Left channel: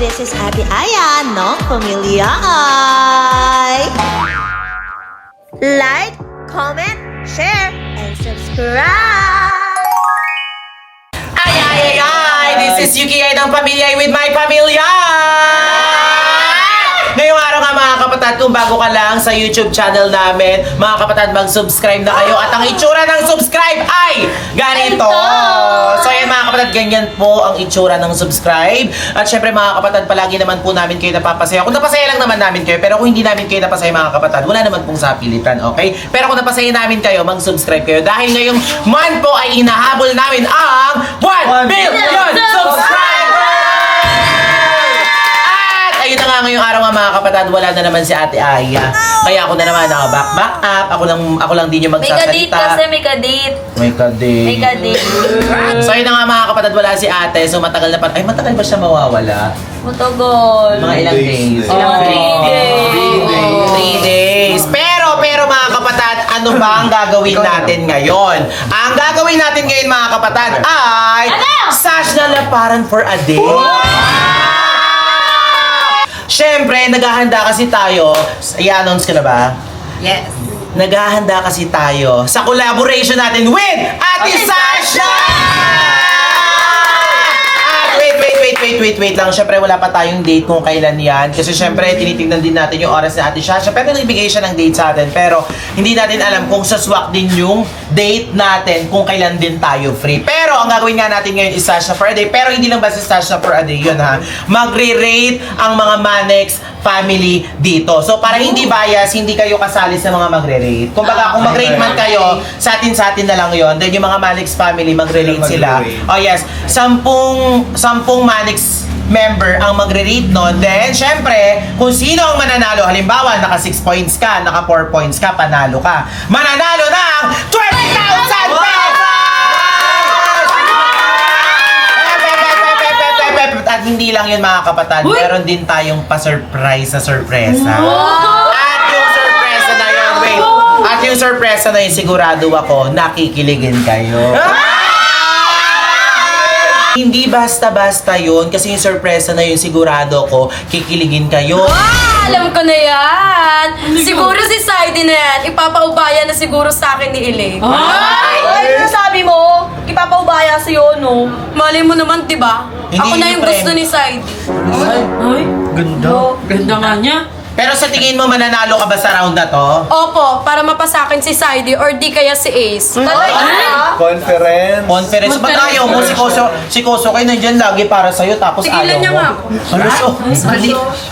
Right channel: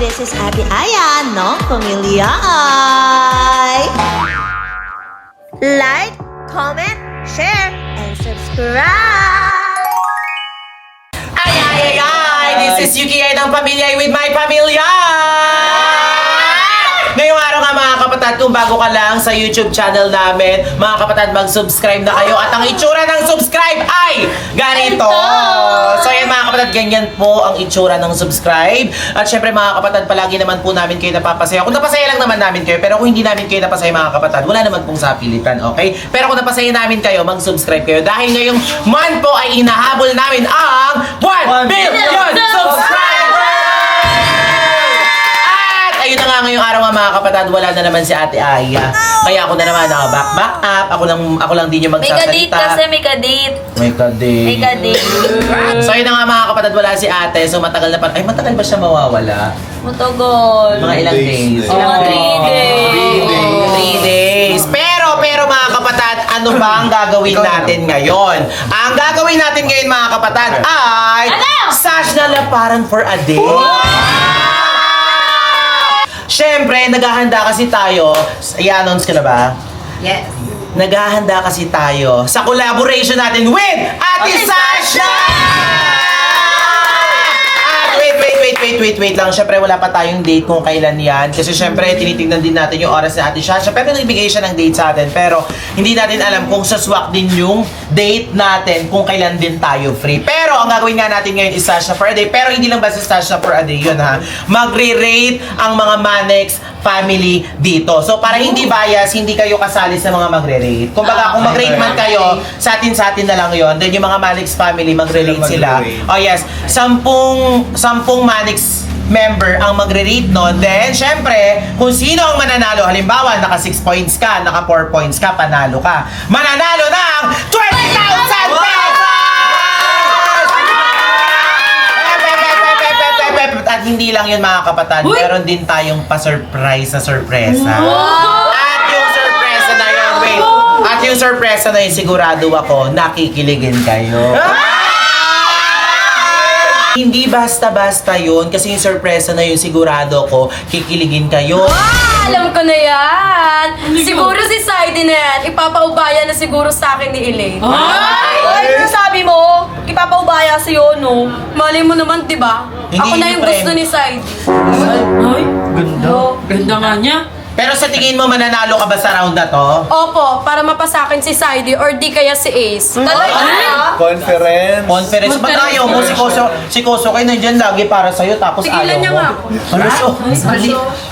This is Ate Aya ng Pamilya Ay. Like, comment, share, and subscribe! Ay! This is Yuki Ay ng Pamilya Ay with my pamilya! Ngayong araw nga mga kapatid, kung bago ka lang sa YouTube channel namin, mga kapatid, mag-subscribe na kayo. At ang itsura ng subscribe ay ganito! So yan mga kapatid, ganyan po ang itsura ng subscribe. At syempre mga kapatid, palagi naman po namin kayo napapasaya. Kung napasaya lang naman namin kayo, pero kung hindi namin kayo napasaya mga kapatid, wala naman pong sapilitan, okay? Pero kung napasaya namin kayo, mag-subscribe kayo. Dahil ngayong month po ay inahabol namin ang 1 billion subscribers! Ayun na nga ngayong araw nga mga kapatid, wala na naman si Ate Aya. Kaya ako na naman back up. Ako lang din yung magsasalita. May kadate. May kadate. So ayun na nga mga kapatid, wala si Ate. So matagal na pa. Ay, matagal ba siya mawawala? Matagal. Mga ilang days? Ilang 3 days. Pero mga kapatid, ano ba ang gagawin natin ngayon? Ang gagawin natin ngayon mga kapatid ay Sash na Laparan for a Day. Siyempre, naghahanda kasi tayo. I-announce ka na ba? Yes. Naghahanda kasi tayo sa collaboration natin with Ate Sasha! Wait lang. Siyempre, wala pa tayong date kung kailan yan. Kasi siyempre, tinitignan din natin yung oras ni Ate Sasha. Pero nagbigay siya ng date sa atin. Pero, hindi natin alam kung saswak din yung date natin kung kailan din tayo free. Pero, ang gagawin nga natin ngayon is Sasha for a Day. Pero, hindi lang ba si Sasha for a Day yun, ha? Magre-rate ang mga Manex family dito. So, para hindi bias, hindi kayo kasali sa mga magre-rate. Kumbaga, kung mag-rate man kayo, sa atin na lang yun. Then, yung mga Manex family, magre-rate sila. Oh, yes. 10 Manex member ang magre-rate nun. Then, syempre, kung sino ang mananalo, halimbawa, naka 6 points ka, naka 4 points ka, panalo ka. Mananalo ng 20,000 pesos! At hindi lang yun mga kapatid, meron din tayong pa-surprise na sorpresa. At yung sorpresa na yun, At yung sorpresa na yun, sigurado ako, nakikiligin kayo. Hindi basta-basta yun, kasi yung sorpresa na yun, sigurado ko, kikiligin kayo. Alam ko na yan. Siguro si Saidi na yan. Ipapaubaya na siguro sa akin ni Elaine. Ay, ano sabi mo? Ipapaubaya sa'yo, no? Malay mo naman, di ba? Hindi Ako na yun, yung friend. gusto ni Saidi. Ay, ganda. Ganda nga niya. Pero sa tingin mo, mananalo ka ba sa round na to? Opo, para mapasa akin si Saidi or di kaya si Ace. Conference. Conference. Ba't ayaw mo? Si Koso kayo nandyan lagi para sa'yo, tapos Tigilan ayaw niya mo. nga ako.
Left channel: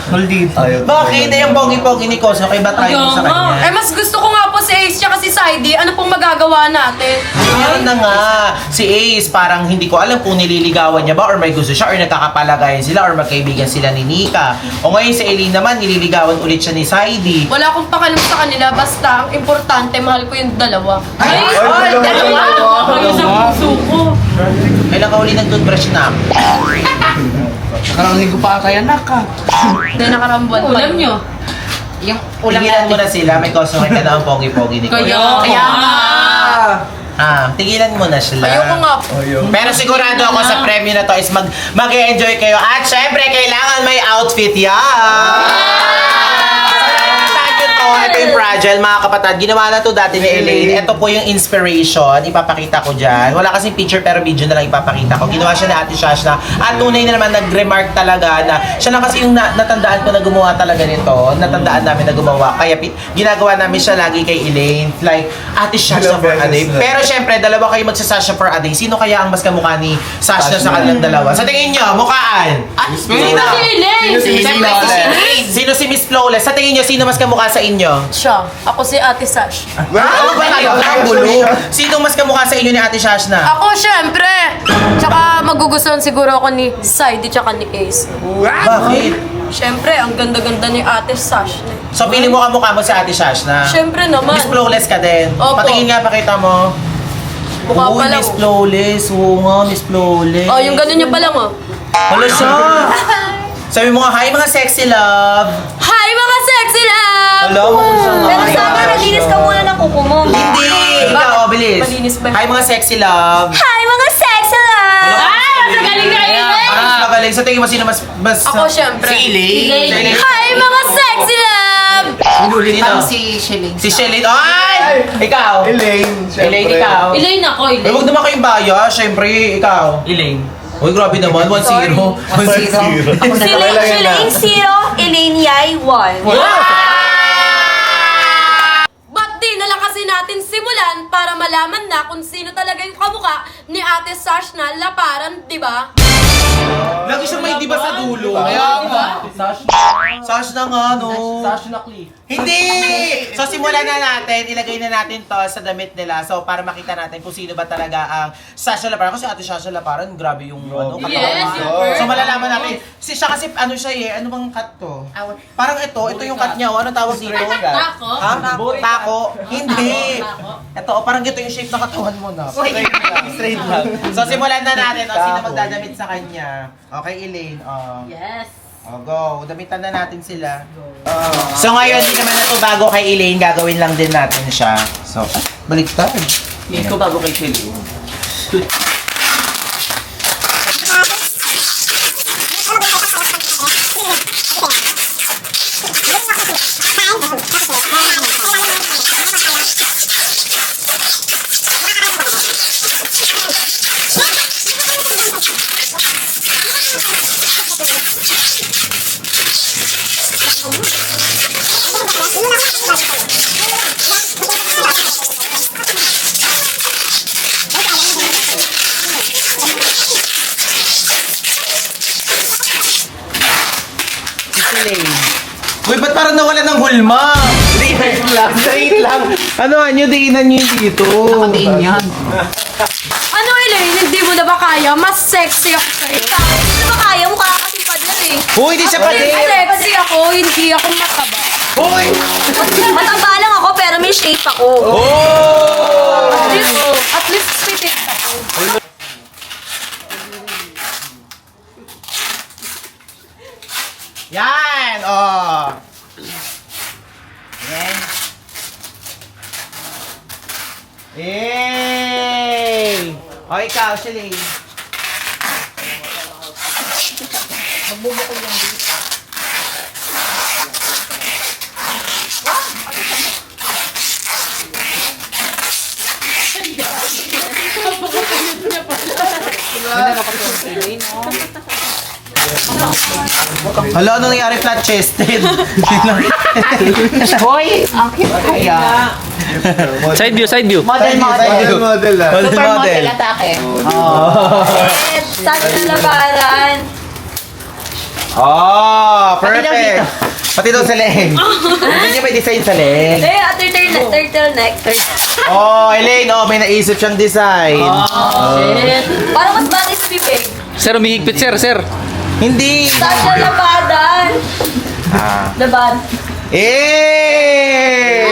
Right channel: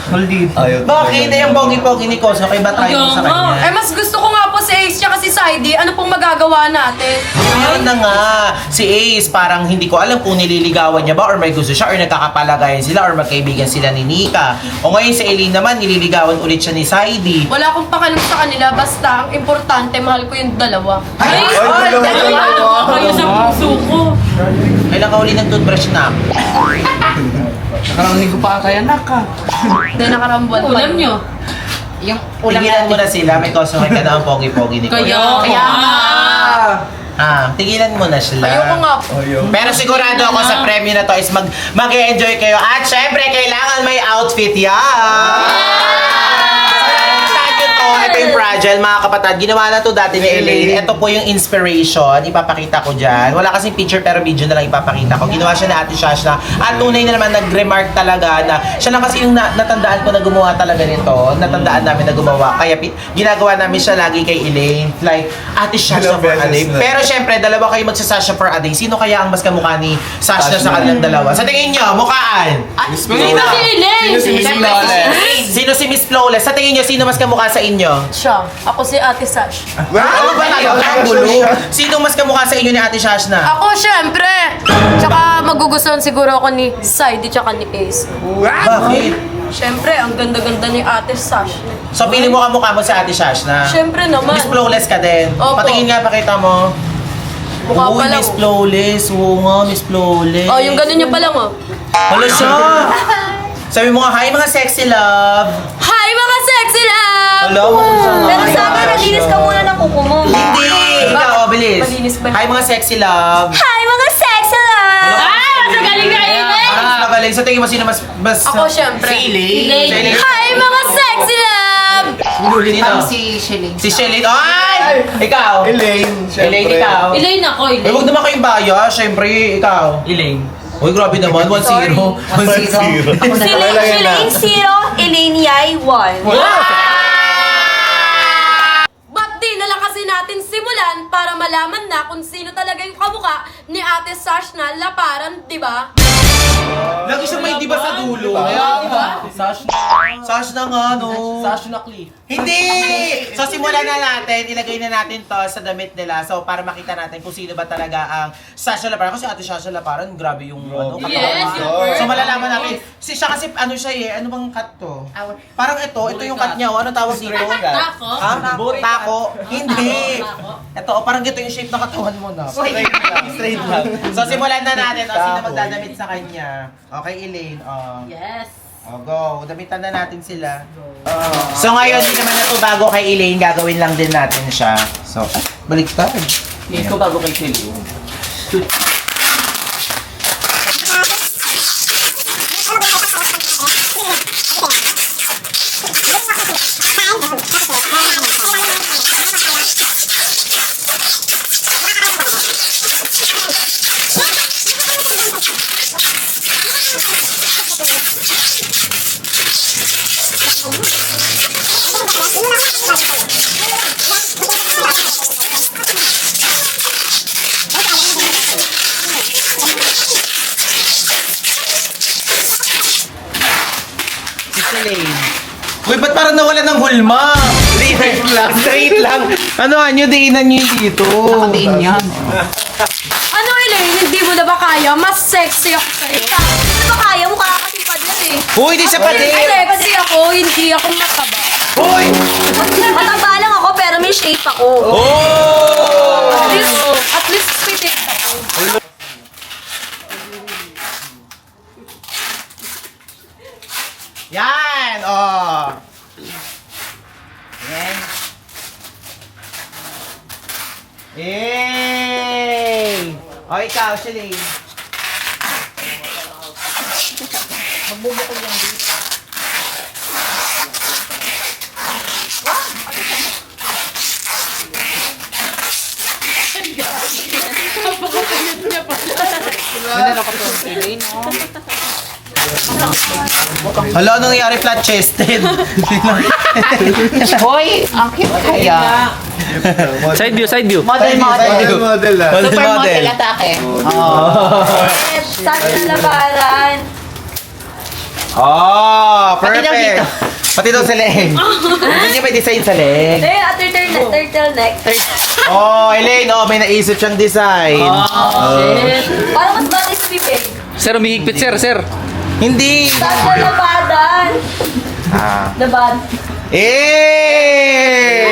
Maldito. Ayaw. Bakit? Yung pogi-pogi ni Koso, kayo ba tayo mo sa kanya? Eh, mas gusto ko nga po si Ace tsaka si Saidi. Ano pong magagawa natin? Meron na nga. Si Ace, parang hindi ko alam kung nililigawan niya ba or may gusto siya or nagkakapalagayan sila or magkaibigan sila ni Nika. O ngayon si Eileen naman, nililigawan ulit siya ni Saidi. Wala akong pakalam sa kanila. Basta, ang importante, mahal ko yung dalawa. Dalawa kayo sa puso ko. Kailan ka uli nag-toothbrush na? Nakarangin ko pa ata yan, naka. Hindi nakarambuan pa. Ulam nyo. Yung Tigilan mo na sila, may Koso ka na ang pogi-pogi ni Koso. Kaya Tigilan mo na sila. ayoko nga po. Pero sigurado ako sa premyo na to is mag-e-enjoy kayo. At syempre, kailangan may outfit yan! Ito yung Fragile, mga kapatid. Ginawa na to dati ni Elaine. Ito po yung inspiration. Ipapakita ko dyan. Wala kasing picture pero video na lang ipapakita ko. Ginawa siya ni Ate Shash na. At tunay na naman nag-remark talaga na siya lang kasi yung natandaan ko na gumawa talaga nito. Natandaan namin na gumawa. Kaya ginagawa namin siya lagi kay Elaine. Like, Ate Shash na for a day. Pero syempre, dalawa kayo magsasasha for a day. Sino kaya ang mas kamukha ni Sash na sa kanilang dalawa? Sa tingin nyo, mukhaan? Sino? Siyempre, sino si Miss Flawless? Sa tingin nyo, sino mas kamukha sa inyo? Siya. Ako si Ate Sash. Ano ba talaga? Ang gulo. Sino mas kamukha sa inyo ni Ate Shash na? Ako, syempre. Tsaka magugustuhan siguro ako ni Saidi tsaka ni Ace. Bakit? Syempre, ang ganda-ganda ni Ate Sash. So, pili mo kamukha mo sa Ate Shash na? Syempre naman. Miss Flawless ka din. Opo. Patingin nga, pakita mo. Mukha pa lang. Miss Flawless. Oo nga, Miss Flawless. Oh, yung ganun niya pa lang, oh. Hala siya. Sabi mo nga, hi mga sexy love. Hi, mga sexy love! Hello, Pero sabi, naglinis ka muna ng kuko mo. Hindi. Ikaw, bilis. Malinis ba? Hi mga sexy love. Hi, mga sexy love! Wala. Ay, magaling na yun! Parang mas galing. Sa tingin mo, sino mas... Ako, syempre. Si Elaine. Si Elaine. Hi, mga sexy love! Sino? Si Shelly. Si Shelly. Ay! Ikaw. Elaine, syempre. Elaine, ikaw. Elaine ako, Eh, Elaine. huwag naman kayong baya. Siyempre, ikaw. Elaine. Uy, grabe naman. 1-0. 1-0. Elaine 0, Elaine Yay 1. Ba't di na lang kasi natin simulan para malaman na kung sino talaga yung kamukha ni Ate Sash na laparan, di ba? Lagi siya may diba sa dulo. Sash na nga, no? Sash na clip. Hindi! So, simulan na natin. Ilagay na natin to sa damit nila. So, para makita natin kung sino ba talaga ang Sasha Laparan. Kasi Ate Sasha Laparan, grabe yung ano, katawan. Yes, yung So, malalaman natin. Siya kasi, ano siya eh, ano bang cut to? Parang ito yung cut niya. Oh. Ano tawag dito? Tako? Ha? Tako? Hindi. Ito, parang gito yung shape ng katawan mo na. Straight lang. So, simulan na natin. O, sino magdadamit sa kanya? Okay, Elaine. Yes. Go. Damitan na natin sila. So, ngayon, hindi naman na ito bago kay Elaine. Gagawin lang din natin siya. So, baliktad. Ito bago kay Kelly. Uy, ba't parang nawala ng hulma? Straight lang. Straight lang. Ano, anyo, diinan nyo dito. Nakatiin yan. Ano, Elaine? Hindi mo na ba kaya? Mas sexy ako sa'yo. Hindi mo kaya? Mukha ka kasi pader eh. Uy, di siya pa din. Sexy ako, hindi ako mataba. Uy! Mataba lang ako pero may shape ako. Oh! At least pitik ako. Yan! Oh! Yan. Yay! O, ikaw, Shelly. Magbubukol lang dito. Hala, anong nangyari flat-chested? Hoy, ang cute kaya. Side view, side view. Model. Model ah. Model. Saan na labaran? Oh, perfect. Pati daw sa leeg. Hindi niya may design sa leeg. Turtleneck. Oh, Elaine, oh, may naisip siyang design. Parang mas bagay sa bibig. Sir, umihigpit, sir. Hindi. Saan na labaran? Laban. Eh!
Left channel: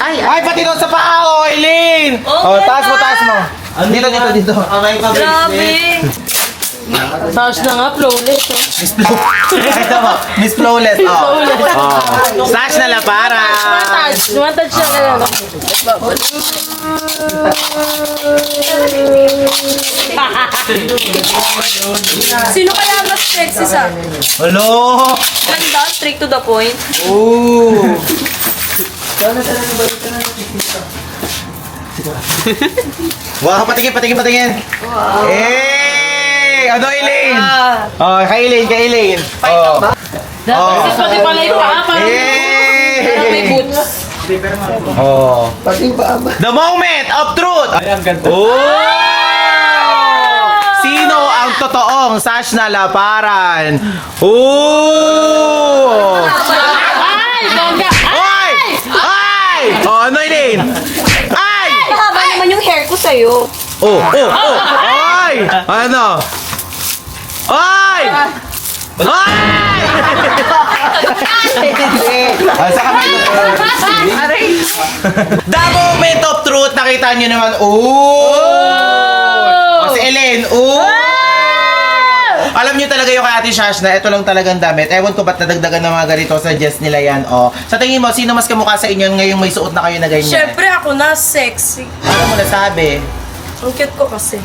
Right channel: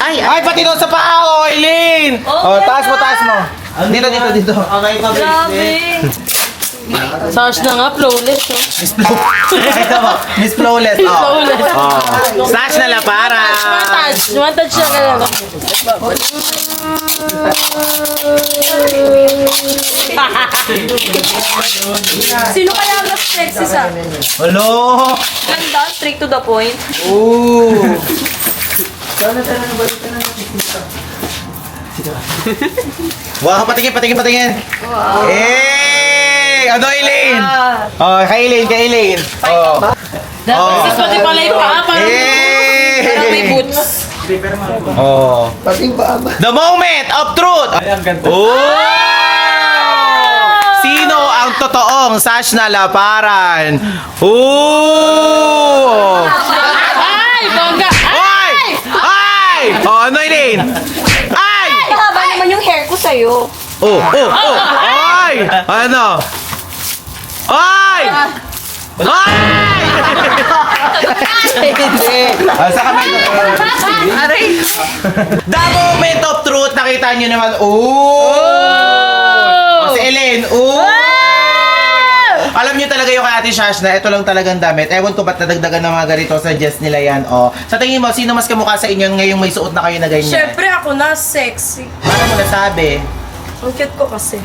Ay, pati daw sa paa, oh, Elaine. Oh, taas mo. Dito. Grabe. Sash na nga, flawless. Ito mo, Miss Flawless, oh. Sash na lapara. Touch siya na lang. Sino kaya mas sexy sa akin? Hello. Ganda, straight to the point. Ooh. Wow, patingin. Eh! Ano, Elaine? Oh, kay Elaine. Oh. Pati pala yung paa, Eh! Oh. The moment of truth! Ayan, ganda. Oh! Sino ang totoong Sash na laparan? Oh! Ay! Ay! Oh, ano, Elaine? Ay! Mahaba naman yung hair ko sa'yo. Oh! Ay! Ano? Ay! Ay! Sa kamay ko. The moment of truth, nakita nyo naman. Oh! Si Elaine. Oh! Alam nyo talaga yung kay Ate Shash na ito lang talagang damit. Ewan ko ba't nadagdagan ng mga ganito sa dress nila yan. Oh. Sa tingin mo, sino mas kamukha sa inyo ngayong may suot na kayo na ganyan? Siyempre ako na sexy. Paano mo nasabi? Ang cute ko kasi.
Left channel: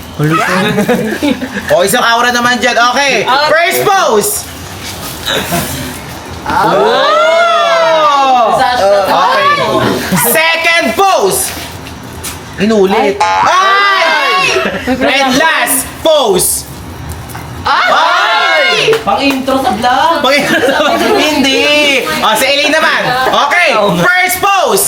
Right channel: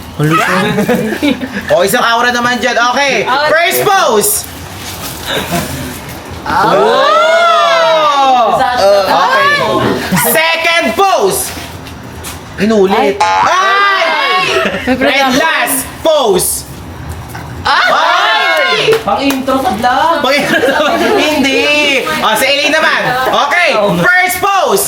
O, isang aura naman dyan. Okay. First pose. Oh! Okay. Second pose. Inulit. Ay! And last pose. Ay! Pang-intro sa vlog. Hindi. O, si Elaine naman. Okay. First pose.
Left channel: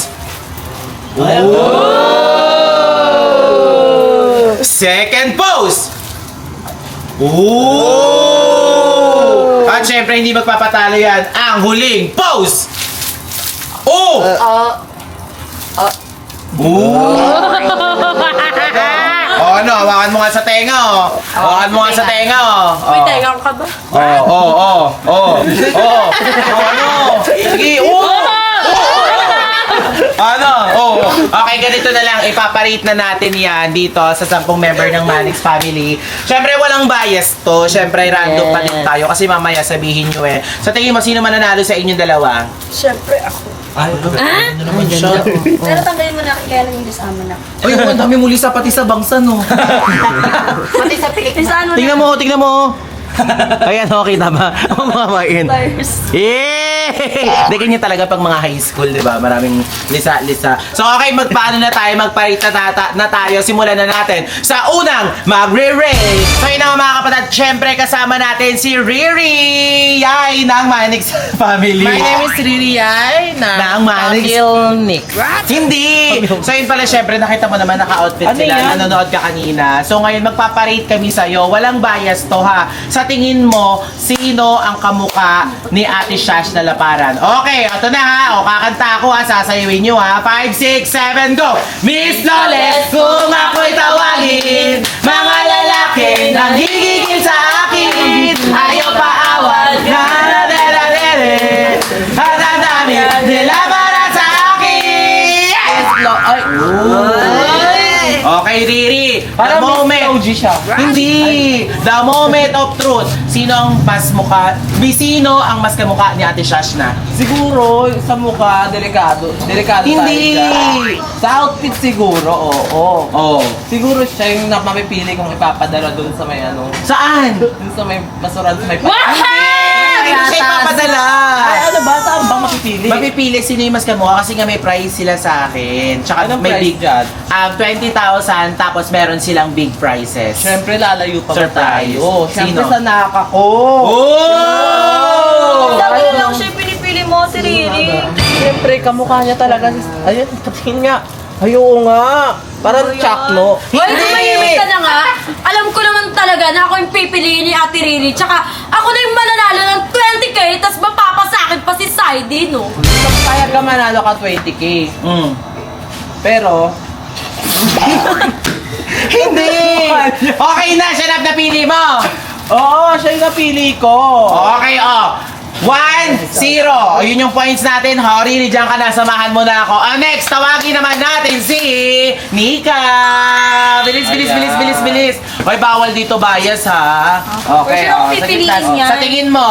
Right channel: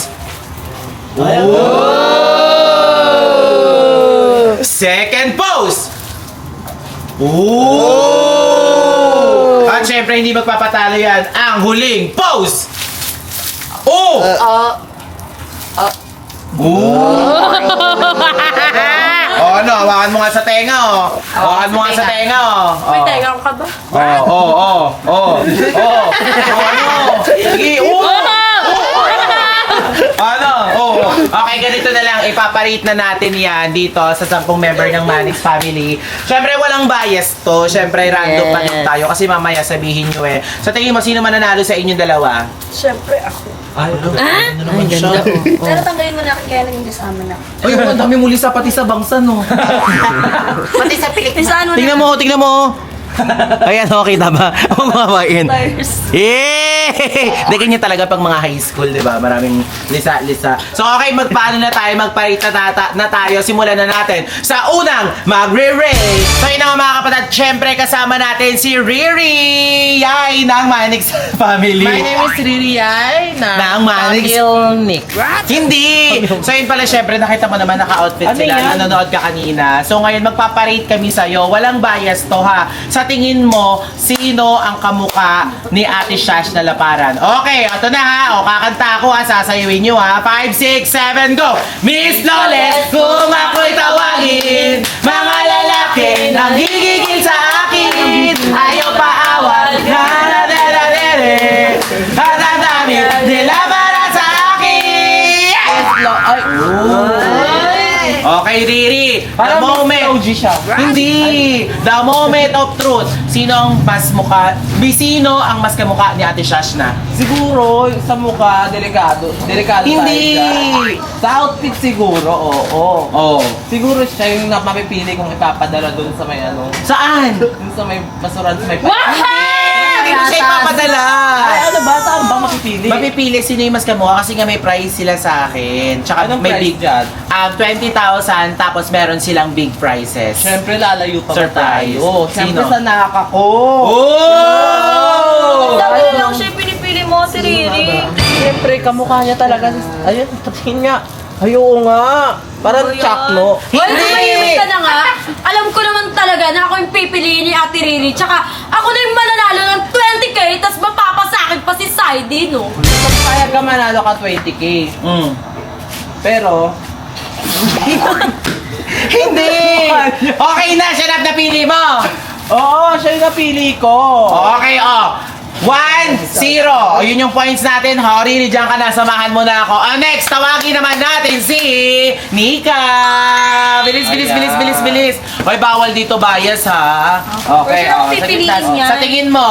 Second pose. At syempre, hindi magpapatalo yan. Ang huling pose. Ano, hawakan mo nga sa tenga, oh. Hawakan mo nga sa tenga, oh. May tenga ka ba? Ano? Sige, Ano? Okay, ganito na lang. Ipaparate na natin yan dito sa 10 member ng Manix family. Siyempre, walang bias to. Siyempre, random pa din tayo. Kasi mamaya sabihin nyo eh. Sa tingin mo, sino mananalo sa inyong dalawa? Siyempre ako. Ano naman siya? Pero tanggalin mo na kaya lang yung kasama na. Ay, ang dami muli sa pati sa bangsa, no? Pati sa pilik. Saan mo? Tingnan mo. Ayan, okay na ba? Ang mamain. Hindi ganyan talaga pag mga high school, di ba? Maraming lisa. So, okay, magpaano na tayo? Magparita na tayo. Simulan na natin sa unang magre-rate. So, yun nga mga kapatid, syempre kasama natin si Riri Yay ng Manix family. My name is Riri Ay ng Manix. Nick. Hindi! So yun pala, syempre, nakita mo naman naka-outfit Ano sila. yan? Nanonood ka kanina. So ngayon, magpaparate kami sa'yo. Walang bias to, ha? Sa tingin mo, sino ang kamuka ni Ate Shash na laparan? Okay, ito na, ha? O, kakanta ako, ha? Sasayawin nyo, ha? 5, 6, 7, go! Miss Loles, kung ako'y tawagin, mga lalaki nang higigil sa akin, ayaw paawat, na-na-na-na-na-na, na-na-na-na, nila para sa akin! Okay, Riri. The moment. siya. Hindi. The moment of truth. Sino ang mas kamukha ni Ate Shash na? Siguro, sa mukha, delikado. Delikado Hindi. tayo dyan. Sa outfit siguro, oo. Oh. Siguro siya yung mapipili kong ipapadala dun sa may ano. Saan? Dun sa may basuran, sa may Hindi ko siya ipapadala. Ay, ano ba? Saan ba mapipili? Mapipili sino yung mas kamukha kasi nga may prize sila sa akin. Tsaka Anong may prize big dyan? 20,000 tapos meron silang big prizes. Siyempre, lalayo pa ba Surprise. tayo? Siyempre, Sino? sa naka ko. Oh! Sabi na lang siya yung pinipili mo, si Riri. Siyempre, kamukha niya talaga. Ayun, tingin nga. Ayun nga. Parang Chuck, no? Hoy, tumahimik ka na nga. Alam ko naman talaga na ako yung pipiliin ni Ate Riri. Tsaka ako na yung mananalo ng 20k, tas mapapasakit pa si Saidi, no? Kaya ka manalo ka 20k. Pero, Hindi! Okay na, siya na napili mo! oo, siya yung napili ko. Okay, 1-0. O, yun yung points natin. Riri, dyan ka na. Samahan mo na ako. Next, tawagin naman natin si Nika. Bilis. Hoy, bawal dito bias, ha? Okay, Pero sino ang sa pipiliin gitna. niyan? Sa tingin mo,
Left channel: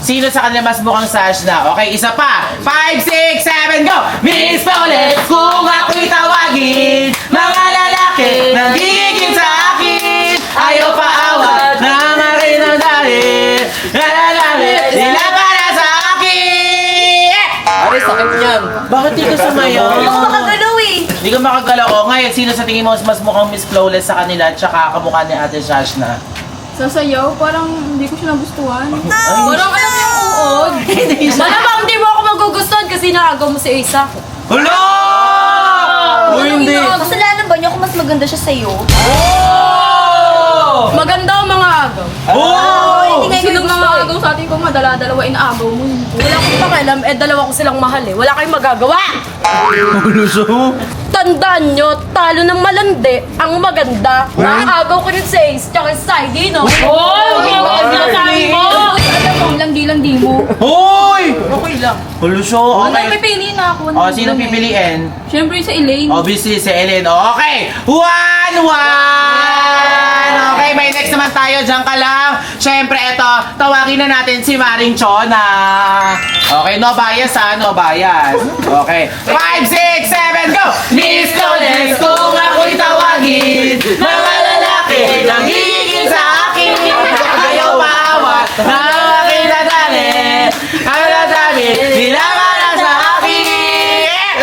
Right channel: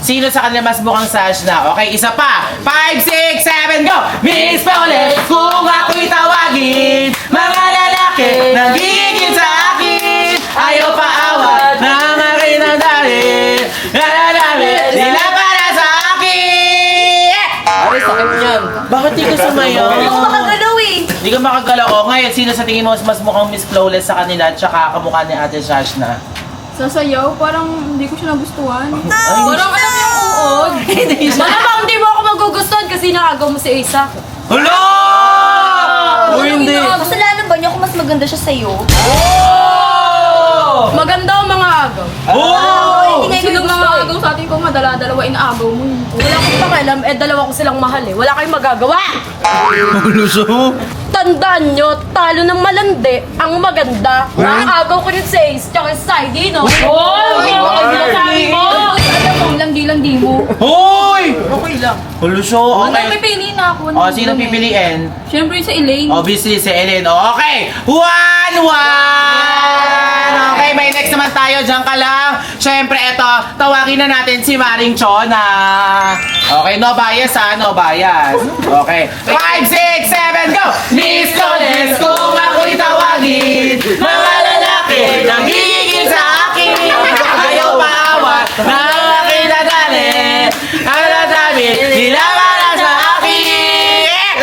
sino sa kanila mas mukhang Sash na? Okay, isa pa. 5, 6, 7, go! Miss Paulette, kung ako'y tawagin, mga lalaki nagiging sa akin, ayaw paawat ng akin ang dahil, sila para sa akin! Ay, sakit niyan. Bakit di ka sumayaw? Hindi ako makagalaw eh. Hindi ka makagalaw. O, ngayon, sino sa tingin mo mas mukhang Miss Flawless sa kanila tsaka kamukha ni Ate Sash na? Sasayaw, parang hindi ko siya nagustuhan. Parang alam niyo yung uod. Malamang hindi mo ako magugustuhan kasi naagaw mo si Isa. Hala! Uy, hindi. Kasalanan ba niya kung mas maganda siya sa'yo? Maganda ang mga agaw. Oh! Hindi nga yung mga agaw sa atin kung madala-dalawa inaagaw mo. Wala akong pakialam, dalawa ko silang mahal eh. Wala kayong magagawa! Tandaan nyo, talo ng malandi, ang maganda. Naagaw ko rin si Ace, tsaka si Saidi, no? Alam mo, landi-landi mo. Hoy! Okay lang. Hulusyo, Ano, okay. pipili na ako. O, sino pipiliin? Siyempre sa Elaine. Obviously, si Ellen. Okay, 1-1! Okay, may next naman tayo. Diyan ka lang. Siyempre, eto, tawagin na natin si Maring Chona. Okay, no bias ha, no bias. Okay, 5, 6, 7, go! Miss Loles, kung ako'y tawagin, mga lalaki nang higil sa akin. Ayaw maawat, ang aking nadali. Ang nadali, nilabanan sa akin.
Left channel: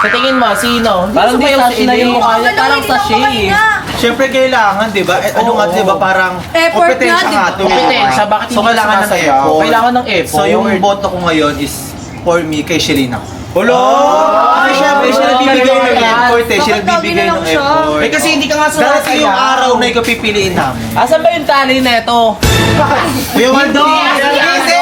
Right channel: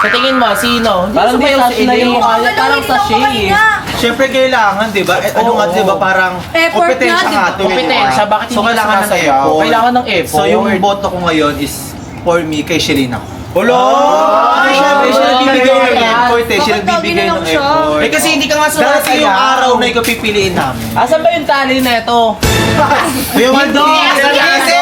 Sa tingin mo, sino? Parang di Sumayaw sash na yung mukha niya, parang sachet. Siyempre kailangan, di ba? Ano nga, di ba, parang Effort kompetensya nga, di nga ba? to. Kompetensya, bakit So, hindi kailangan ng sumasayaw? effort. Kailangan ng effort. So, yung boto ko ngayon is for me kay Shelina. Hello! Ay, siyempre, siya nagbibigay ng effort eh. Siya nagbibigay ng effort. Eh kasi hindi ka nga Darating yung araw na ikaw pipiliin namin. Asan ba yung tali neto? Yung Waldo! Easy!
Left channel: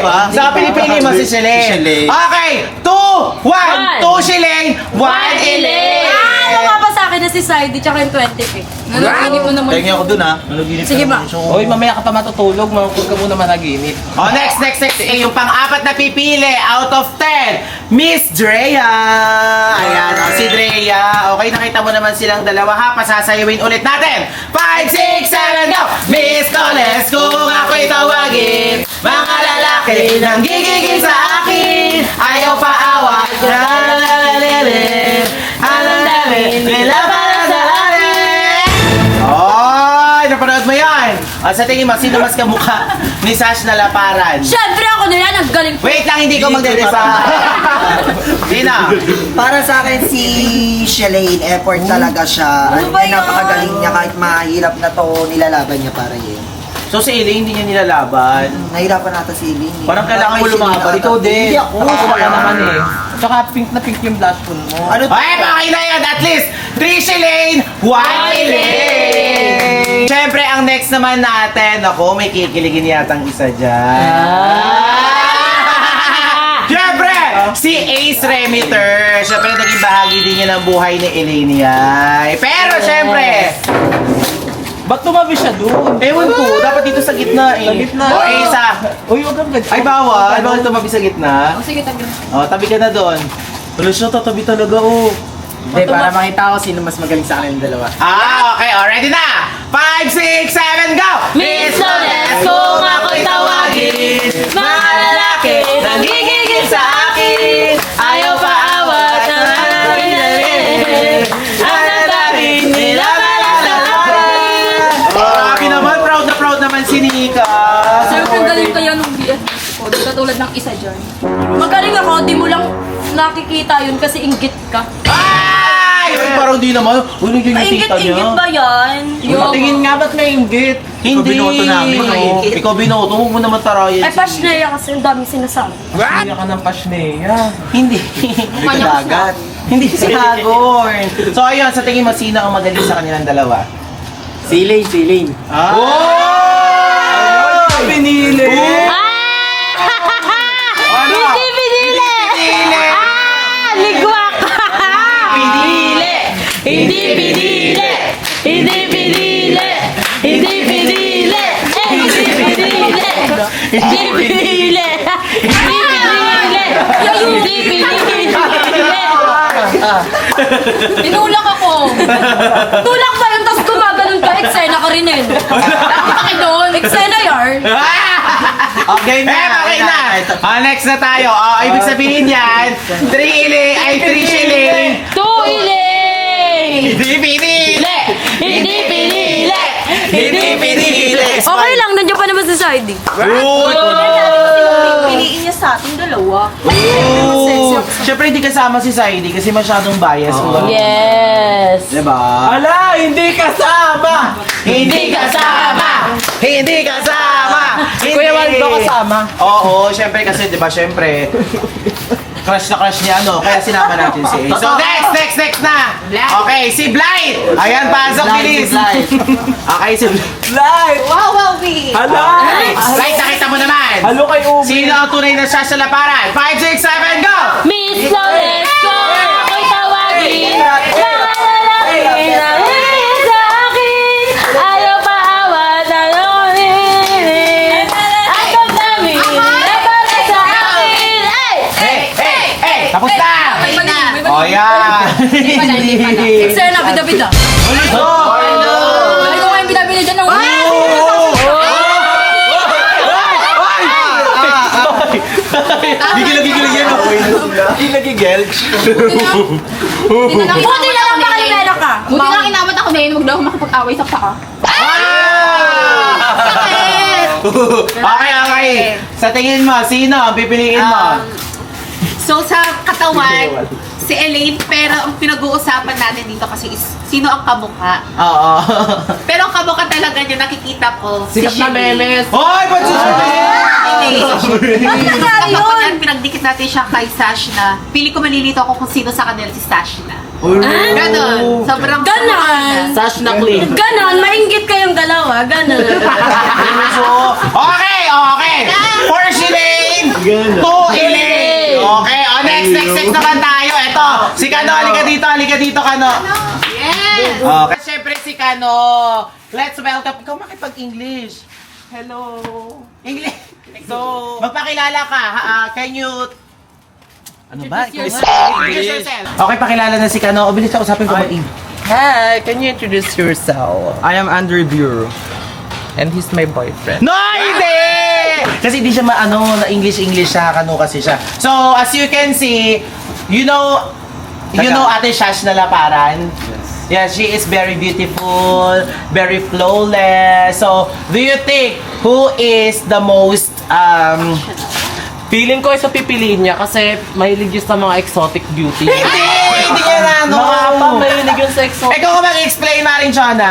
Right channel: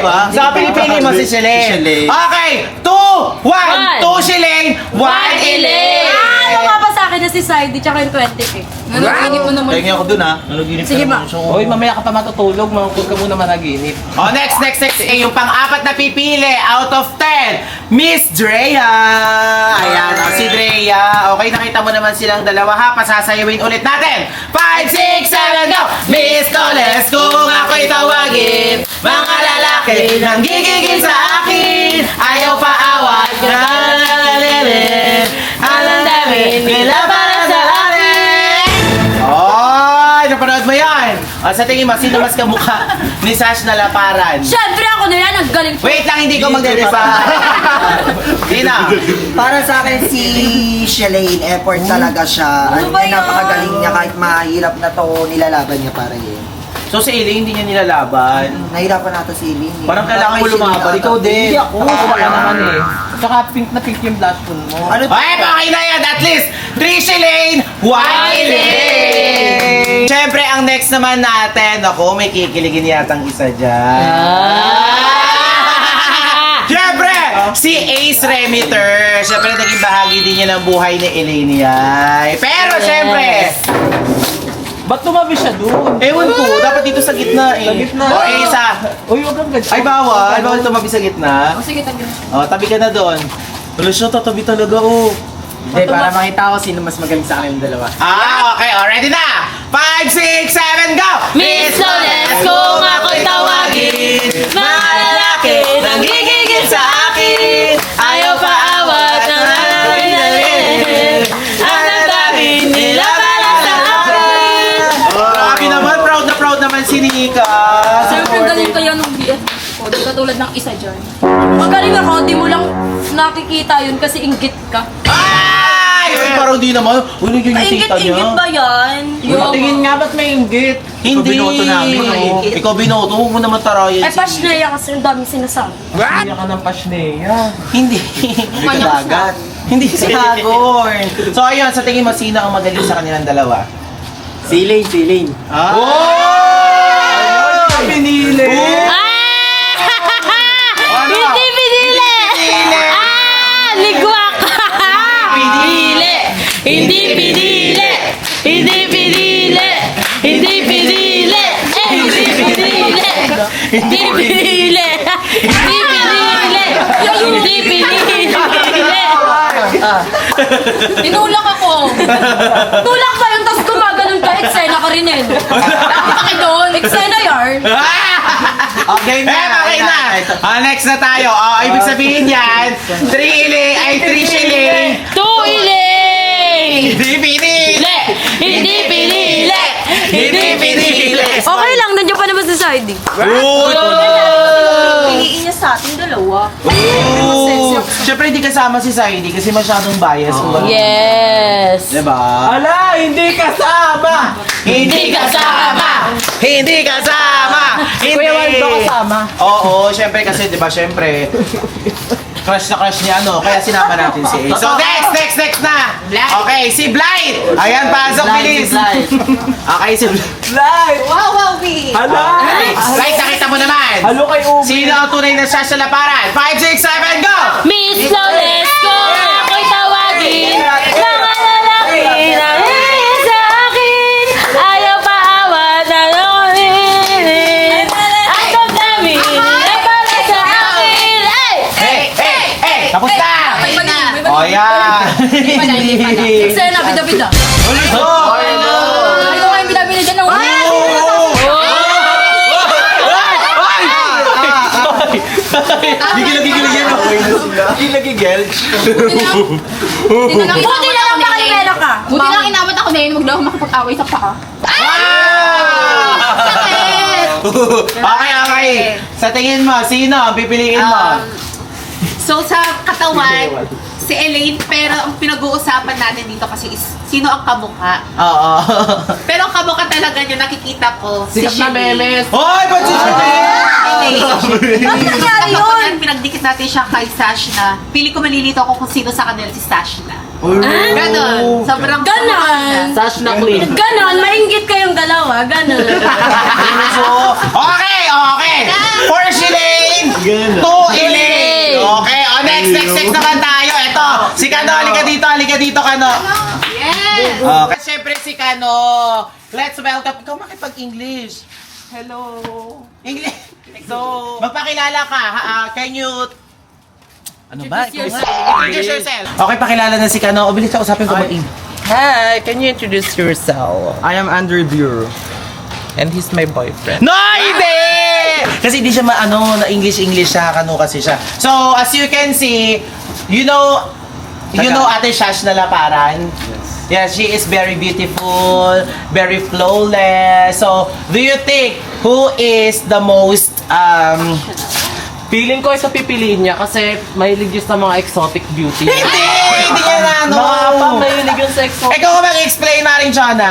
Diba? Sa pinipili mo si Si Shileng. Shileng. Okay! 2, 1, 2 Shileng, 1 Elaine! Ano nga ba sa akin na si Saidi tsaka yung 20k? Nanaginip mo naman. Tingin ako dun ha. Sige ba? Hoy, mamaya ka pa matutulog, huwag ka muna managinip. Oh, next. Eh, yung pang-apat na pipili out of 10, Miss Drea. Ayan, si Drea. Okay, nakita mo naman silang dalawa ha. Pasasayawin ulit natin. 5, 6, 7, go! Miss Loles, kung ako'y tawagin, mga lalaki nang gigigil sa akin. Ayaw pa awat. Ay, napanood mo yan. Sa tingin mo, sino mas kamukha ni Sash na laparan? Siyempre ako na yan, ang galing ko. Wait lang, hindi ko magde-define. Sino? Para sa akin si Shelane, effort talaga siya. Ano ba yun? Napakagaling niya kahit mahirap na to, nilalaban niya para yun. So si Elaine hindi niya nilalaban. Nahirapan nata si Eileen. Parang kailangan mo lumaban. Ikaw din. Hindi ako. Ako ka naman eh. Tsaka pink na pink yung blush phone mo. Ano Ay, okay na yan. At least, 3 Elaine, 1 Elaine. Siyempre, ang next naman natin, ako, may kikiligin yatang isa dyan. Siyempre, si Ace Remiter. Siyempre, naging bahagi din niya ng buhay ni Elaine yan. Pero, siyempre, Ba't tumabi siya doon? ewan ko, dapat dito sa gitna eh. Sa gitna. O, Ace Uy, huwag kang ganyan. Ay, bawal. Bawal tumabi sa gitna. O sige, tabi na siya. O, tabi ka na doon. Wala siya, tatabi talaga, oh. Hindi, para makita ko sino mas magaling sa akin yung dalawa. Okay, ready na! 5, 6, 7, go! Miss Loles, kung ako'y tawagin, mga lalaki, nanggigigil sa akin, ayaw pa awat ng akin, ang dami, nilabalan sa akin. Grabe naman, proud naman si Nika. Siyempre, galing kayo nung BF ko. Di katulad ng isa dyan. Magaling ako, di mo lang nakikita yun kasi inggit ka. Ay! Uy, parang di naman. Uy, nandiyan yung tita niya. Inggit ba yan? Tingin nga ba't may inggit? Hindi. binoto namin, oh. Ikaw binoto, huwag mo naman tarayan. Ay, pasnaya kasi ang daming sinasabi. Hindi ka ng pasneya. Hindi. dagat? Hindi si Hagorn. So ayun, sa tingin mo, sino ang magaling sa kanilang dalawa? Si Elaine. Oh! Pinili! Ano? Hindi pinili! Ligwak! Pinili! Hindi pinili! Hindi pinili! Hindi pinili! Hindi pinili! Hindi pinili! Hindi pinili! Inulak ako. Tulak ba yun, tapos gumaganon ka, eksena ka rin eh. Bakit doon? Eksena yarn. Okay na, okay na. Next na tayo. Ibig sabihin yan, 3 Shilling. 2 Elaine! Hindi pinili! Hindi pinili! Hindi pinili! Okay lang, nandiyan pa naman si Saidi. Piliin niya sa ating dalawa. Siyempre hindi kasama si Saidi kasi masyadong bias. Yes! Diba? Ala, hindi kasama! Hindi kasama! Hindi kasama! Kuya Waldo kasama. Oo, syempre kasi 'di ba, syempre crush na crush niya ano, kaya sinama natin si Ace. So next na. Okay, si Blight. Ayan, pasok bilis. Okay, si Live! Wow, we! Hala! Blight, nakita mo naman. Halo kay Umi. Sino ang tunay na siya sa laparan? 5, 6, 7, go! Miss Loles, ko ako'y tawagin. Mga lalaki na hihigil sa akin. Ayaw pa awat na longin. Ako kami, laban sa akin. Hindi pala. Eksena, bida-bida. Ulit ko! Balik ko kayong binabili dyan ng Gigil yan ako. Gigil-gilch. Buti na lang Nakalimelo ka. Buti lang inawat ako na yun. Huwag daw ako makapag-away sa paka. Okay. Sa tingin mo, sino ang pipiliin mo? So sa katawan, si Elaine, pero ang pinag-uusapan natin dito kasi is sino ang kamukha. Oo. Pero ang kamukha talaga niya nakikita ko si Sikat na Shirley. memes. Hoy, ba't si Bakit nangyari yun? Kapag yan, pinagdikit natin siya kay Sashna, pili ko malilito ako kung sino sa kanila si Sashna. Ganon. Sobrang Ganon. Sash na queen. Ganon, mainggit kayong dalawa. Ganon. Okay. For Shilane, to Elaine. Okay, next naman tayo. Ito, si Kano, halika dito, Kano. Yes! Okay, syempre si Kano. Let's welcome. Ikaw makipag-English. Hello. English. So, magpakilala ka. Can you... Ano ba? Introduce yourself. Okay, pakilala na si Kano. O, bilis ka, usapin ko ba? Hi, can you introduce yourself? I am Andrew Bureau. And he's my boyfriend. No, hindi! Kasi hindi siya na English siya, Kano kasi siya. So, as you can see, you know Ate Shash na Laparan? Yes, she is very beautiful, very flawless. So, do you think who is the most Feeling ko isa pipiliin niya kasi mahilig yun sa mga exotic beauty. Hindi niya na ano. Mahilig yun sa exotic. Ikaw ka mag-explain na rin siya na.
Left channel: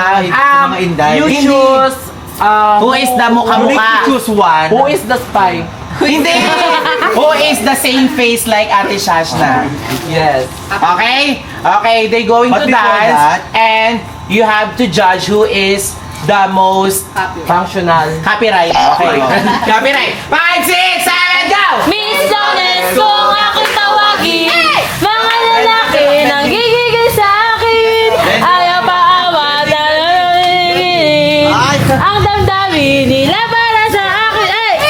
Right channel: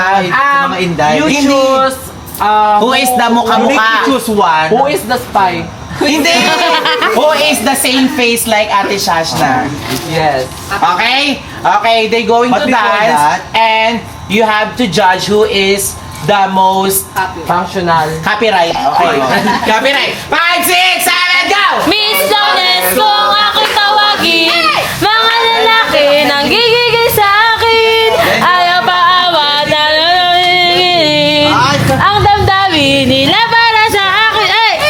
mga inday. You Hindi. choose... Who is the You mukha-mukha? choose one. Who is the spy? Hindi! Who is the same face like Ate Shashna? Yes. Okay? Okay, they going But to before dance that- and you have to judge who is the most Functional. copyright. Okay. Copyright. 5, 6, 7, go! Miss Lones, kung ako'y tawagin, mga lalaki nang gigigil sa akin, ayaw paawa na ang damdamin nila para sa akin.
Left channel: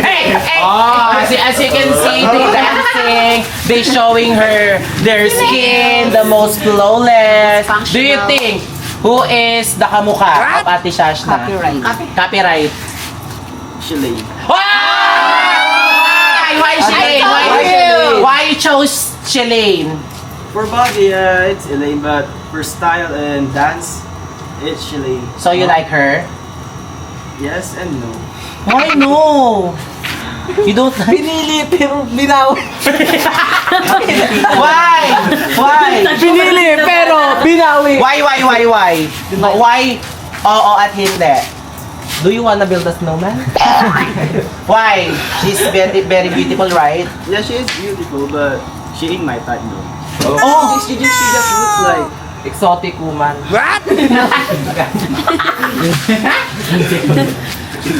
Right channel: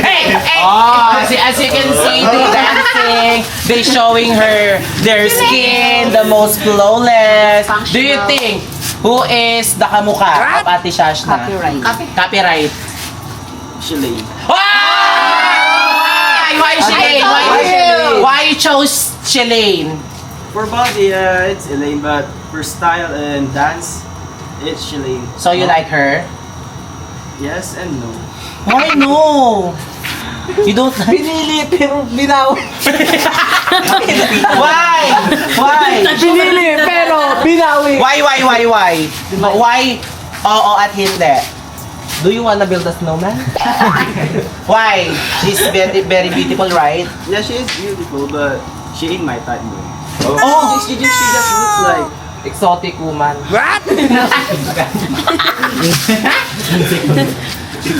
Hey! Oh, as you can see, they dancing, they showing her their skin, the most flawless. Do you think who is the kamukha of Ate Shashna? Copyright. Shilane. Why Shilane? Why you chose Shilane? For body, it's Elaine, but for style and dance, it's Shilane. So you like her? Yes and no. Why no? You don't like? Pinili pero binawi. Why? Why? Pinili pero binawi. Why? Why? Oo at hindi. Do you wanna build a snowman? Why? She's very, very beautiful, right? Yeah, she is beautiful, but she ain't my type though. Oh! She just looks like Exotic woman.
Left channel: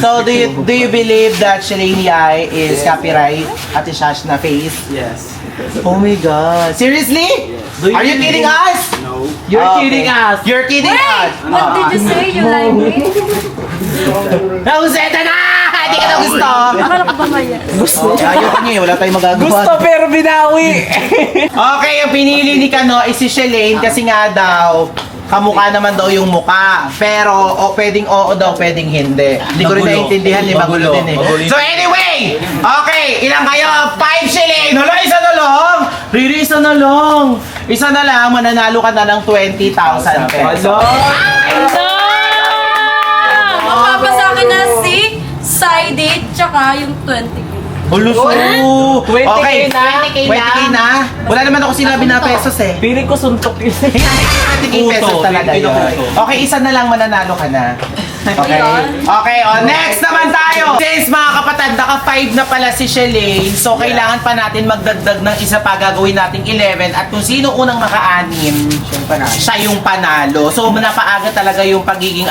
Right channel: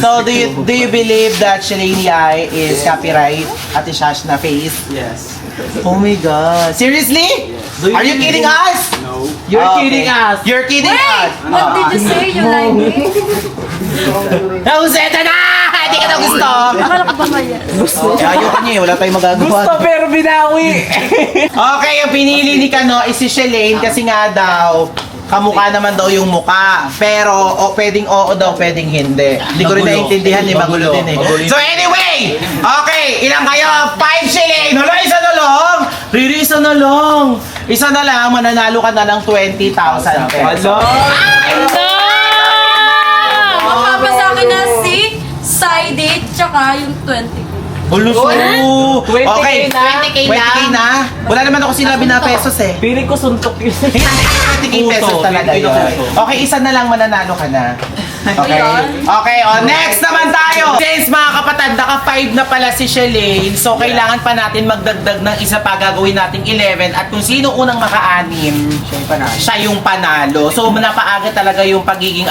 So do you believe that Shilane Yai is copyright Ate Shashna face? yes. Oh my God! Seriously? Do Are you kidding us? No. You're Okay. kidding us. You're kidding us. What did you say? You like me? Nauseta na! Hindi ka na gusto! Akala ko ba maya? Ayoko niya eh, wala tayong magagawa. Gusto pero binawi. Okay, yung pinili ni Kano is si Shilane kasi nga daw, kamukha naman daw yung muka. Pero pwedeng oo daw, pwedeng hindi. Hindi ko rin Magulo. naiintindihan eh, magulo din eh. Magulo. So anyway, okay, ilang kayo? 5 Shilane! Hala, isa na lang! Riri, isa na lang! Isa na lang, mananalo ka na ng 20,000 pesos. Mapapa sa akin na si Side tsaka yung 20k. Ulos mo! 20K Okay, na. 20K na? Wala naman ako sinabi na pesos eh. Feeling ko suntok yun. 20K pesos talaga yun. Okay, isa na lang mananalo ka na. Okay? Okay, next naman tayo! Since mga kapatid, naka-5 na pala si Shilane, so kailangan pa natin magdagdag ng isa pa, gagawin nating 11, at kung sino unang maka-anim, siya yung panalo. So, napaaga talaga yung pagiging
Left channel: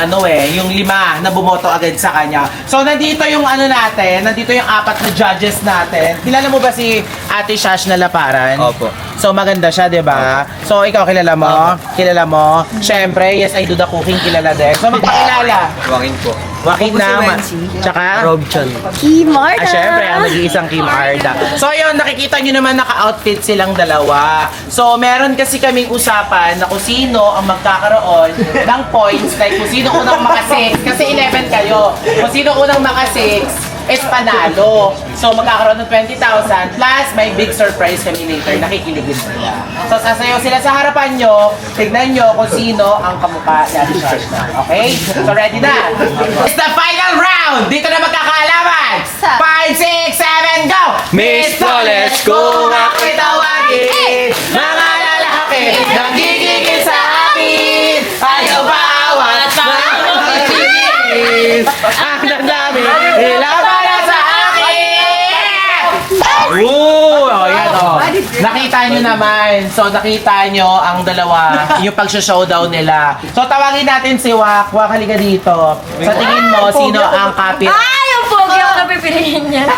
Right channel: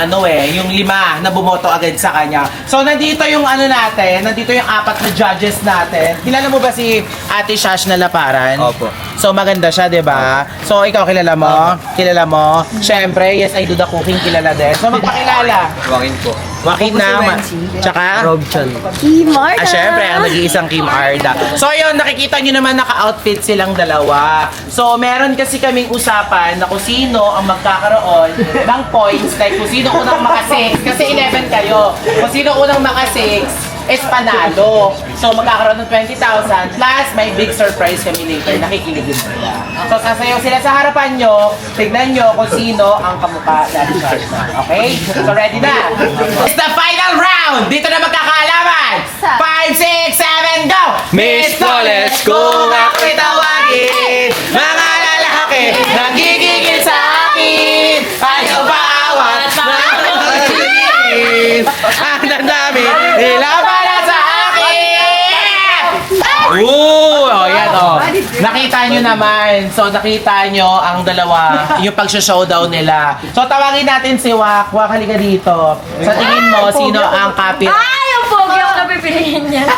yung 5 na bumoto agad sa kanya. So, nandito yung nandito yung 4 na judges natin. Kilala mo ba si Ate Shash na Laparan? Opo. So, maganda siya, di ba? So, ikaw kilala mo? Kilala mo? Siyempre, yes, I do the cooking, kilala din. So, magpakilala. Wangin po. Joaquin naman. Tsaka? Robchan. Syempre, ang nag-iisang Kim Arda. So, yun, nakikita nyo naman naka-outfit silang dalawa. So, meron kasi kaming usapan na kung sino ang magkakaroon ng points, like kung sino unang maka-6, kasi 11 kayo. Kung sino unang maka-6, is panalo. So, magkakaroon ng 20,000 plus may big surprise kami later. Nakikiligin sila. So, sasayaw sila sa harapan nyo. Tignan nyo kung sino ang kamukha ni Ate Shashna. Okay? So, ready na? It's the final round! Dito na magkakaalaman! 5, 6, 7, go! Miss Flawless, kung ako'y tawagin, mga lalaki, nagigigil sa akin, ayaw bawat pagkakagin, anak namin, ilaban na sa akin! Ooh! Ayan, oh. Nakita nyo naman. So, nakita nyo ang dalawa, yung pag-showdown nila. So, tawagin natin si Wak. Wak, halika dito. Sa tingin mo, sino ang kapit? Ay, yung pogi ako napipiliin niya.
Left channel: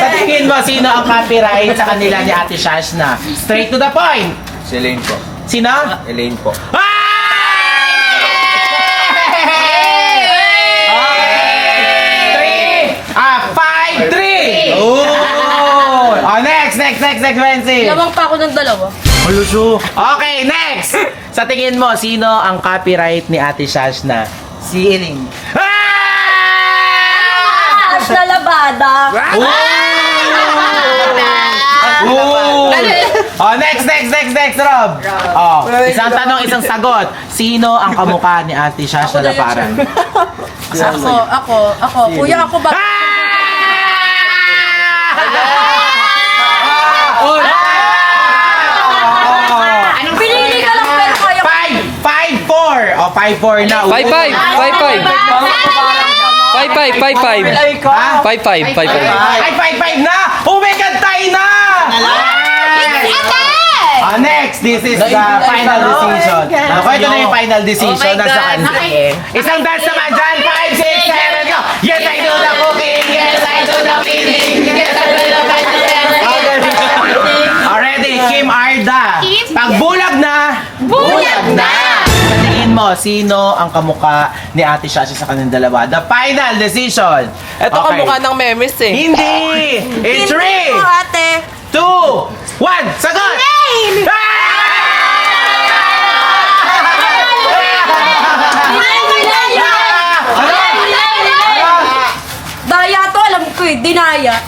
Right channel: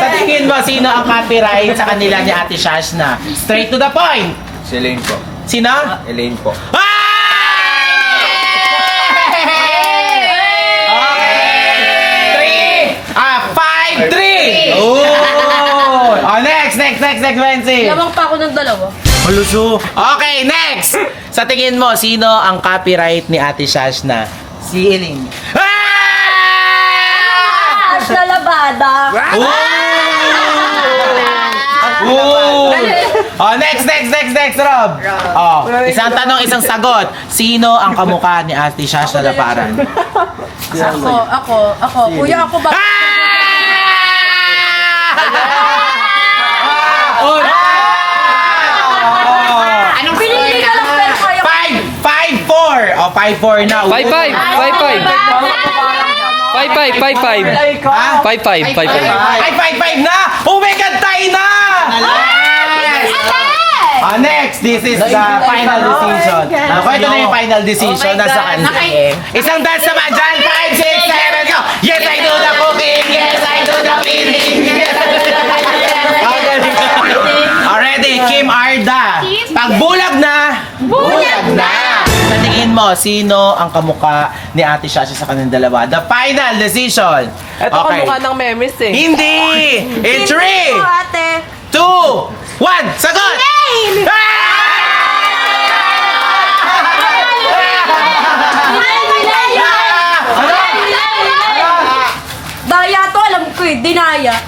Sa tingin mo, sino ang copyright sa kanila ni Ate Shashna? Straight to the point! Si Elaine po. Sino? Elaine po. Next, Wency. Lamang pa ako ng dalawa. Maluso. Okay, next! Sa tingin mo, sino ang copyright ni Ate Shashna? Si Elaine. As na labada. Oh, next, Rob. Oh, isang tanong, isang sagot. Sino ang kamukha ni Ate Shashna na parang? Ako. Kuya, ako ba? Pinili ka lang pero kayo. 5-4. Oh, 5-4 na. 5-5. 5-5. 5-5. 5-5. 5-5 na! Oh my God, tayo na! Next, this is the final decision. Ito na yung final decision. Nasa kanila. Isang dance naman dyan. 5, 6, 7, go! Yes, I do the cooking! Yes, I do the cleaning! Yes, I do the already, Kim Arda. Pag bulag na! Bulag na! Tingin mo, sino ang kamukha ni Ate Shashna sa kanilang dalawa? The final decision. Ito kamukha ng memes eh. Hindi! In 3, Ate. 2, 1, sagot! Daya to, alam ko eh. Dinaya.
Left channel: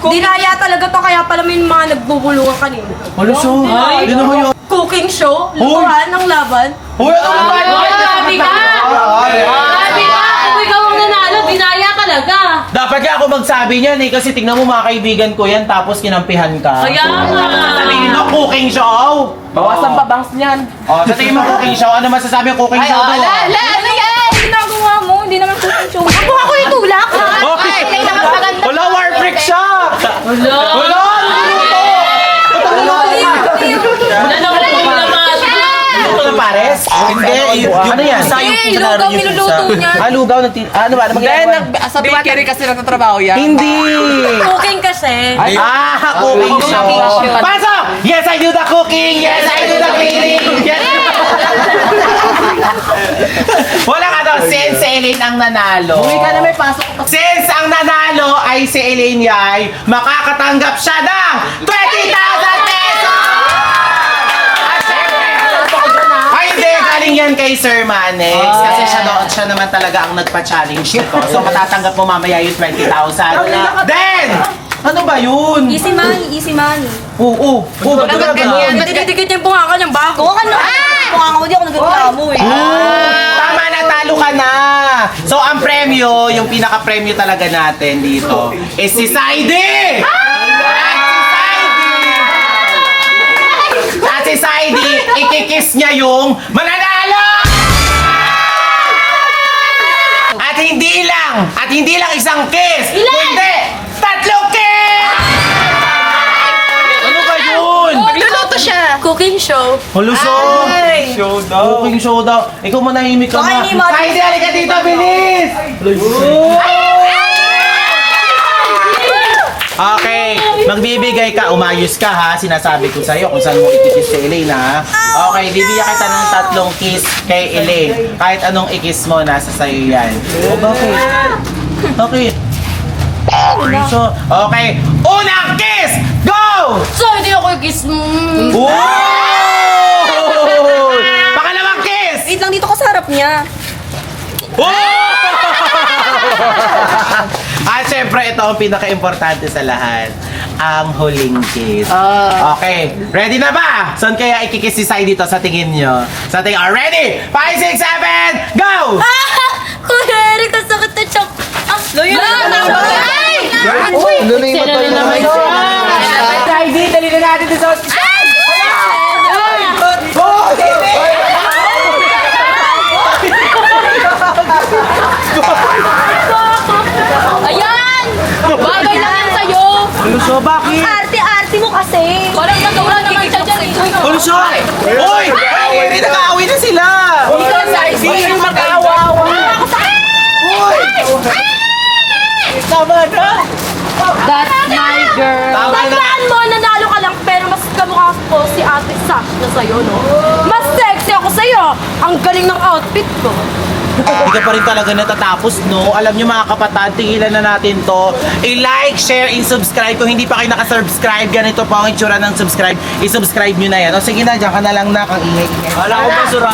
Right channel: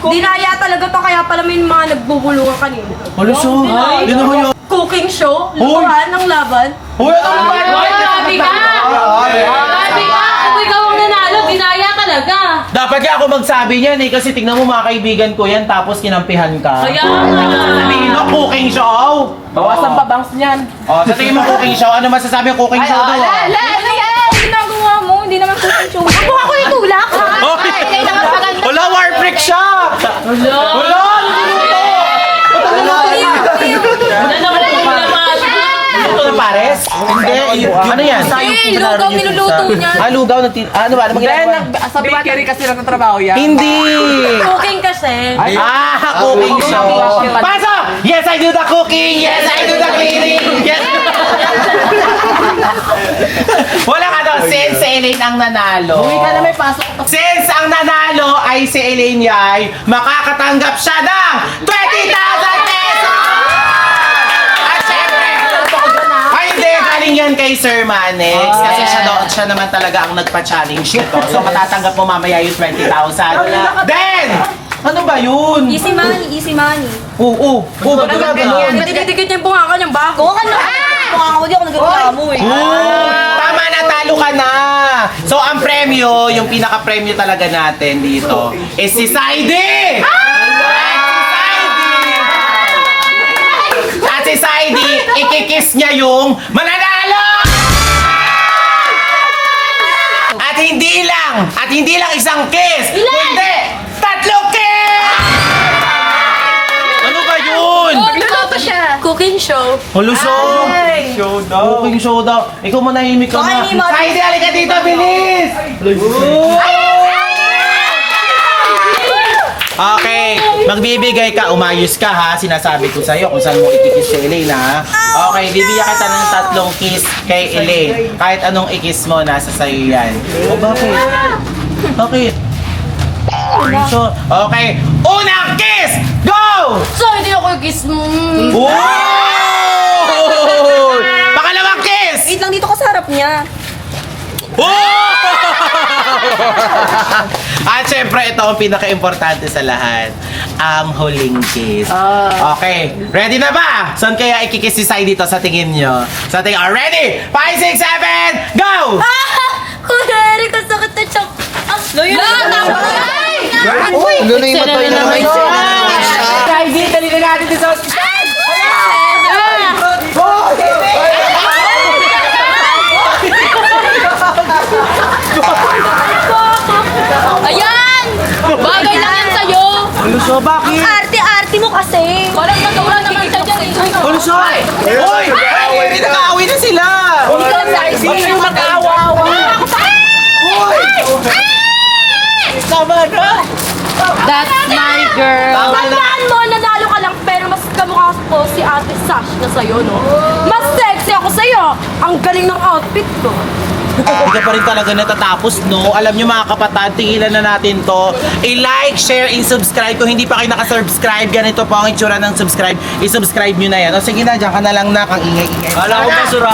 Dinaya talaga to, kaya pala may mga nagbubulungan kanina. Maluso! Yun naman yun! Cooking show, lukuhan ng laban. Uy, ano naman? Grabe ka! Grabe ka! Kung ikaw ang nanalo, binaya talaga. Dapat nga ako magsabi niyan eh, kasi tignan mo mga kaibigan ko yan, tapos kinampihan ka. Kaya nga. Sabihin mo, cooking show! Bawasan pa bangs niyan. Oh, sa tingin mo cooking show, ano masasabi yung cooking show doon? Ano yan? Ang ginagawa mo, hindi naman cooking show. Ako ako yung tulak, ha? Okay! Wala, war freak siya! Wala! Niluluto! Ba't ang niluluto? Luto ng pares? Hindi. Ano yan? Eh, lugaw niluluto niya. Lugaw. Ano ba? Ano mangyayari? Sa bakery kasi nagtatrabaho yan. Hindi! Cooking kasi. Cooking show. Pasok! Yes, I do the cooking! Yes, I do the cleaning! Yes. Walang ano, since si Elaine ang nanalo. Uwi ka na may pasok. Since ang nanalo ay si Elaine Yay, makakatanggap siya ng 20,000 pesos! Ay, hindi. Galing yan kay Sir Manex. Kasi siya naman talaga ang nagpa-challenge nito. So, matatanggap mo mamaya yung 20,000. Then, ano ba yun? Easy money, easy money. Oo. Ba't ka ganun? Didikit niya yung bungaka niyang bago. Kuha ka na. Bungaka mo, di ako nagagawa mo eh. Tama na, talo ka na! So, ang premyo, yung pinaka-premyo talaga natin dito, is si Saidi! At si Saidi, ikikiss niya yung mananalo! At hindi lang isang kiss! Kundi, 3 kiss! Ano ba yun? Nagluluto siya. Cooking show. Huluso! Cooking show daw. Ikaw manahimik ka na. Saidi, halika dito, bilis! Okay, magbibigay ka, umayos ka ha. Sinasabi ko sa'yo kung saan mo ikikis si Elaine ha. Okay, bibigyan kita ng 3 kiss kay Elaine. Kahit anong ikis mo, nasa sa'yo yan. O bakit? Bakit? So, okay, unang kiss! Go! So, hindi ako kiss mo. Wow! Pangalawang kiss! Wait lang dito ka sa harap niya. At syempre, ito ang pinaka-importante sa lahat. Ang huling kiss. Okay, ready na ba? Saan kaya ikikiss si Sai dito sa tingin nyo? Sa tingin, ready? 5, 6, 7, go! Kuya Eric, ang sakit na chok. Loyo na! Eksena na naman siya. Friday, dali na natin sa hospital. Ayan! Bagay na yan sa'yo! Aluso, bakit? Arte-arte mo kasi! Walang nagawa naman siya dyan eh! Aluso! Uy! Ay, nag-aaway na sila! Hindi ka lang dahil Hindi yung mag-aawa-awa. Uy! Tama na. That's my girl! Tama na! Tandaan mo, nanalo ka lang pero mas kamukha ko si Ate Sash na sa'yo, no? Mas sexy ako sa'yo! Ang galing ng outfit ko! Hindi ka pa rin talaga natatapos, no? Alam nyo mga kapatid, tigilan na natin to. I-like, share, and subscribe. Kung hindi pa kayo nakasubscribe, ganito po ang itsura ng subscribe. I-subscribe nyo na yan. O sige na, dyan ka na lang na. Kang ingay-ingay. Wala ko basura.